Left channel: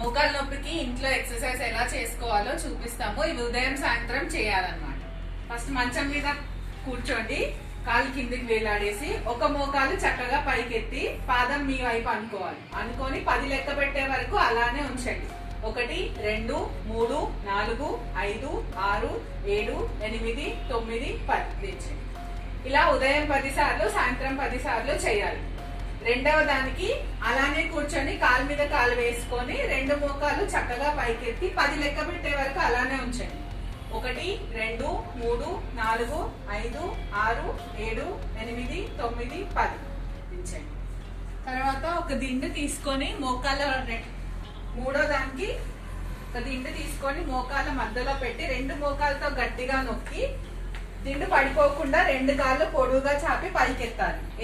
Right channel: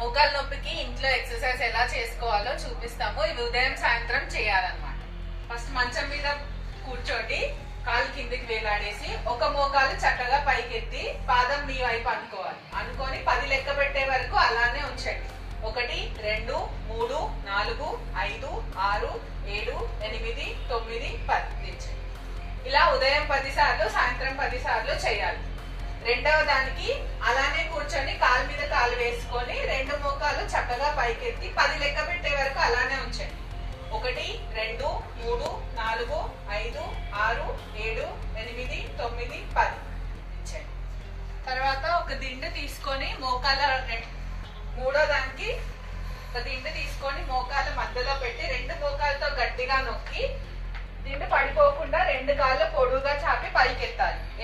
మోకాలు నొప్పికి ఇంట్లో ఎక్సర్సైజ్ ఎలా చేసుకోవాలో చూపిస్తాము. ఇవి ఉదయం సాయంత్రం చేయాలన్నమాట. ఫస్ట్ మంచం మీద కూర్చోండి, కాలు కిందికి వేలాడేసి ఒక మోకాలు చక్కగా పైకెత్తి పాదం మీ వైపు అనుకొని 10 లెక్క పెట్టే వరకు అలానే ఉంచండి. 1 2 3 4 5 6 7 8 9 10 తెచ్చండి. ఇలా ఉదయం 10 సార్లు సాయంత్రం 10 సార్లు చేయాలి. రెండవ దానికి అలానే కూర్చొని కాలు మీద కాలు వేసుకొని 2 మోకాలు చక్కగా పైకెత్తి 10 లెక్క పెట్టే వరకు అలానే ఉంచండి. 1 2 3 4 5 6 7 8 9 10 దించండి. తర్వాత ఒక దిండు తీసుకొని మూడో దానికి ఒక దిండు తీసుకొని మోకాల మధ్యలో పెట్టి 2 మోకాలతో గట్టిగా నొక్కి దిండు పడిపోకుండా 2 కాళ్ళు పొడుగుగా చాపి పైకి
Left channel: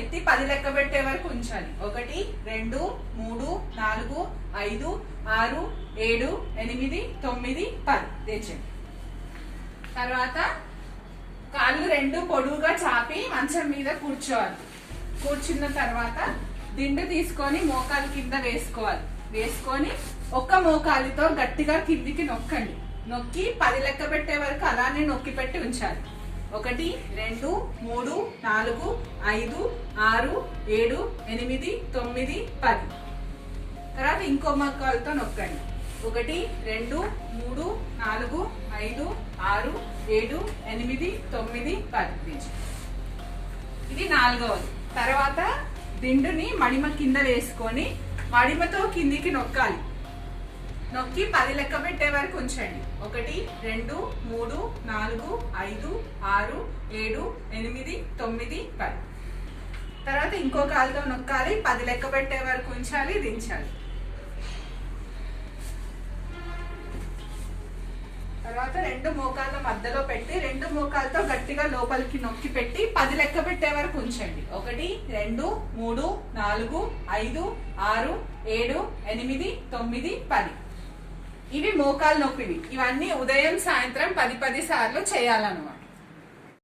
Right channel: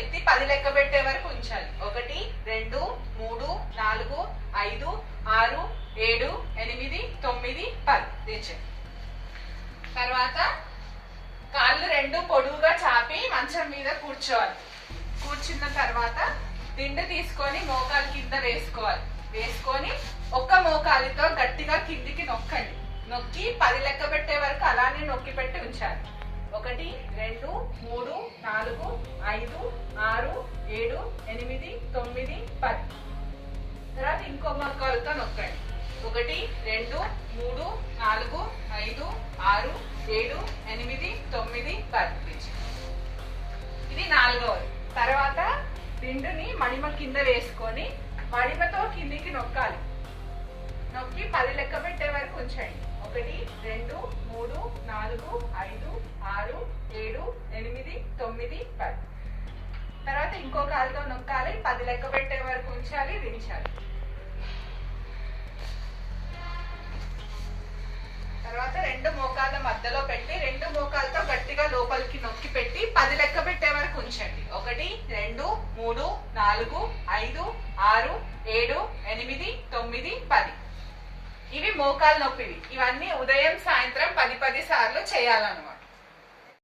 ఎత్తి 10 లెక్క పెట్టే వరకు ఉంచాలి. 1 2 3 4 5 6 7 8 9 10 తెచ్చండి. తర్వాత కాళ్ళు 2 పొడుగుగా చాపి మంచం మీద కూర్చోవాలి. కూర్చున్న తర్వాత దిండు తీసుకొని మోకాలు కింద వేసుకొని ఒక్క మోకాలితో గట్టిగా కిందికి నొక్కి 10 లెక్క పెట్టే వరకు అలానే నొక్కి పెట్టి ఉంచాలి. 1 2 3 4 5 6 7 8 9 10. తర్వాత ఇంకో మోకాలుతో నొక్కండి. 1 2 3 4 5 6 7 8 9 10. ఇది 4వది. తర్వాత దిండుని మడిమ కింద వేసుకొని మడిమతో కిందికి నొక్కి 10 లెక్క పెట్టే వరకు ఉంచండి. 1 2 3 4 5 6 7 8 9 10. తర్వాత ఇంకో కాలుతో నొక్కాలి, 10 లెక్క పెట్టే వరకు ఉంచాలి, దించాలి. తర్వాత 2 మోకాళ్ళ మధ్యలో పెట్టి 2 మోకాలతో గట్టిగా లోపలికి నొక్కి పెట్టి 10 లెక్క పెట్టే వరకు ఉంచండి. 1 2 3 4 5 6 7 8 9 10. ఇవి మోకాలు నొప్పివి. ఇవన్నీ ఉదయం సాయంత్రం 10 సార్లు చేయాలన్నమాట.